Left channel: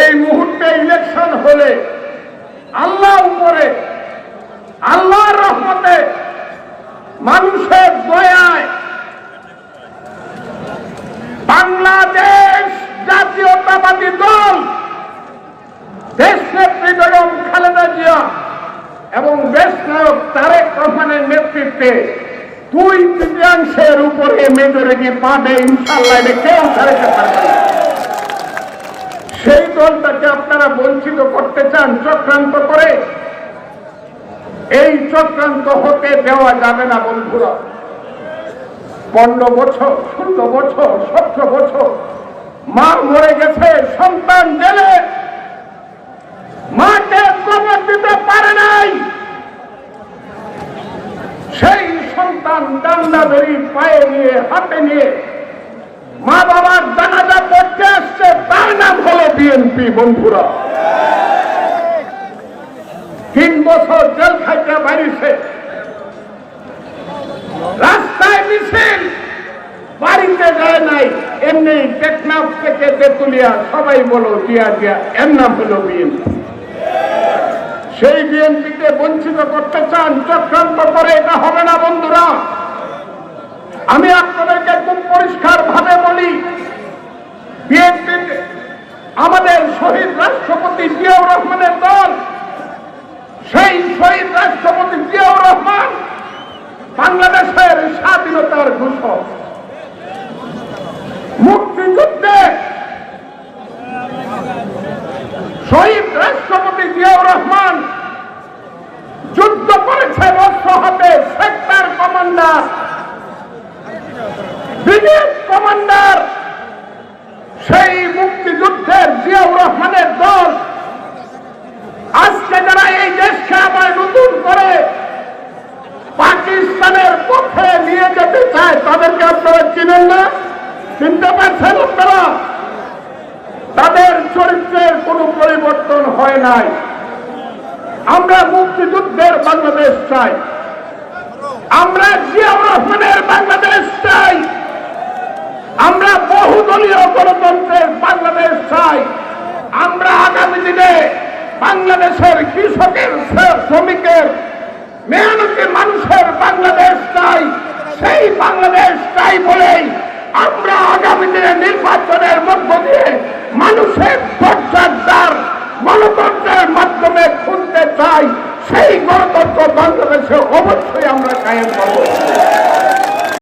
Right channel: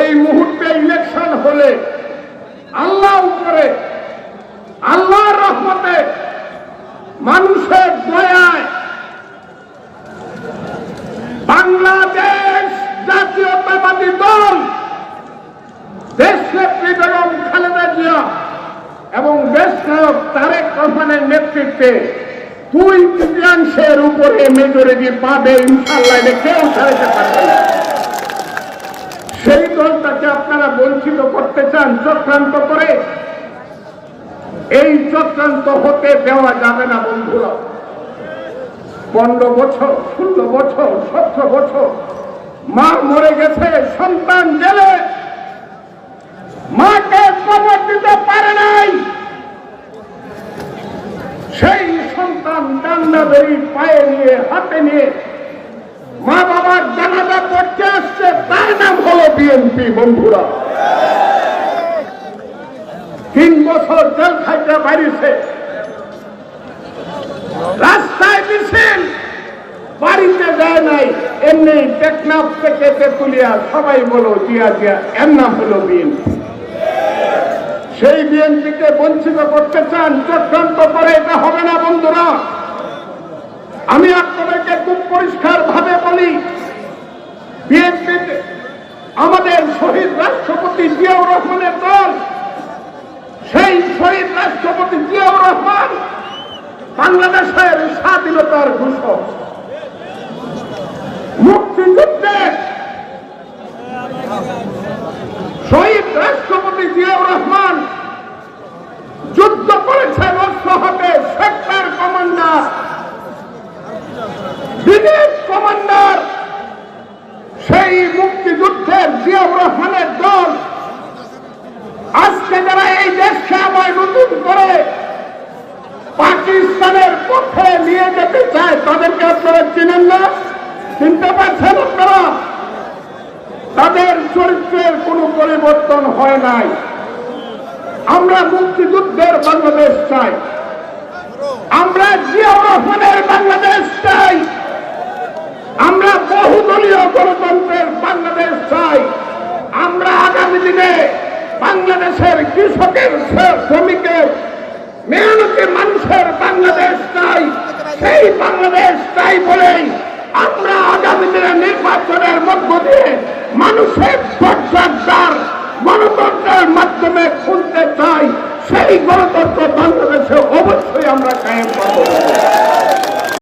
এই মুহূর্তে ইলেকশন হলে আল্লাহ উপরে, আল্লাহর রহমতে মানুষের দয়ায় বাংলাদেশ জাতীয়তাবাদী দল দেশনেত্রী বেগম খালেদা জিয়া এবং দেশ নায়ক তারেক রহমানের নেতৃত্বে দুই তৃতীয়াংশের উপরে মেজরিটি পাবে ইনশাল্লাহ কেউ ঠেকাতে পারবে না। সেই দলটাকে আপনারা বঞ্চিত করতে চান, চক্রান্ত করে, এই চক্রান্ত হতে দেওয়া যাবে না, বন্ধুরা। পনেরো বছর, ষোলো বছর, সতেরো বছর, মা মরে গেছে, সন্তান জেলে। মাকে কবর দিতে পারে নাই। সেই সন্তান কান্না বই পায়ে নিয়ে, হাতে নিয়ে মা বাবার জানাজা আসছে তার নাম হলো বিএনপি, বন্ধুরা। তিন বছর জেল খাইতে বাড়িছে। রাস্তায় মিছিল, বাড়িতে যায় নাই। এমনি টেকনাফ থেকে তেতুলিয়া, সবাই বলো দিয়া দিয়া এর নাম হলো বিএনপি। সেই বিএনপিকে বঞ্চিত করতে চান, চক্রান্ত করে এটা হবে না, বন্ধুরা। আমি আপনাদেরকে খুব পরিষ্কার ভাবে বলি বিএনপি আমাদের শহীদ রাষ্ট্রপতি জিয়াউর রহমানের দল, সেই শহীদ রাষ্ট্রপতি জিয়াউর রহমান বাংলাদেশের স্বাধীনতার ঘোষক। মুক্তিযুদ্ধে শহীদ রাষ্ট্রপতি জিয়াউর রহমান যুদ্ধ করেছেন হাতে সেক্টর কমান্ডার কমান্ডার। সেই মুক্তিযুদ্ধের জিয়াউর তাদের চরিত্রের কোনো পরিবর্তন হয় নাই। আমরা মুক্তিযুদ্ধের বাংলাদেশ চাই। আমরা রহমানের বাংলাদেশ চাই। আমরা বহুদলীয় গণতন্ত্রের বাংলাদেশ চাই। আমরা আগামী দিনে বাংলাদেশের কৃষকের শ্র- শ্রমিকের মেহনতি মানুষের বাংলাদেশ চাই। সেই বাংলাদেশ চাই বলেই নির্বাচনের মধ্য দিয়ে মানুষের দরজার দ্বার গণতন্ত্রের মাধ্যমে খুলতে চাই, সেই গণতন্ত্র বাংলাদেশে অবশ্যই আমরা কায়েম করব।